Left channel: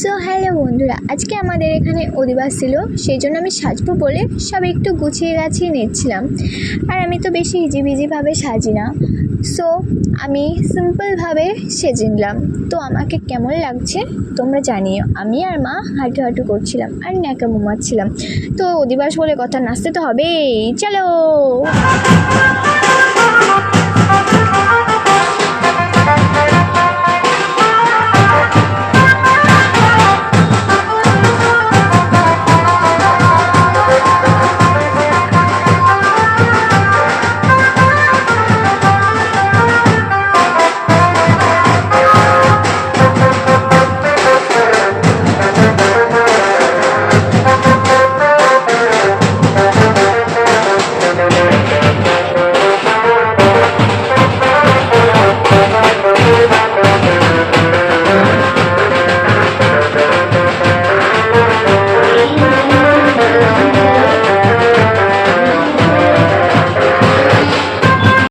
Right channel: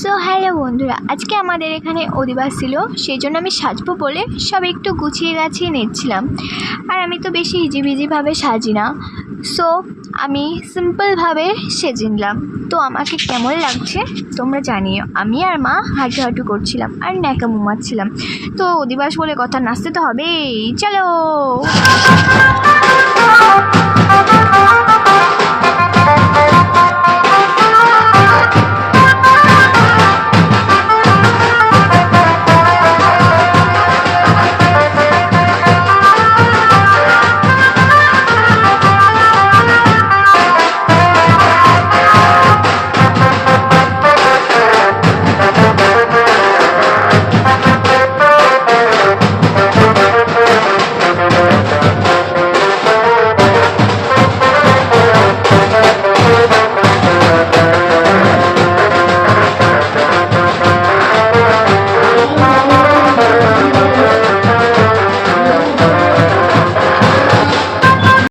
So hello বন্ধুরা, আজকে আমাদের এখানে অধিবাস ছিল, সেই জন্য আমি সাজবো বলে সব একটু গুছিয়ে গাছিয়ে নিচ্ছিলাম। আর আমি তো বেশি হিজিবিজিভাবে সাজি না, সো আমি সিম্পলভাবে সেজে নিলাম। তো আমাকে কেমন লাগছে তোমরা জানিও। আমি আর মা হাঁটু হাঁটু করছিলাম আর ন্যাকামো মারছিলাম। তো অধিবাস বলে কথা, নাচতে তো হবেই, চলো।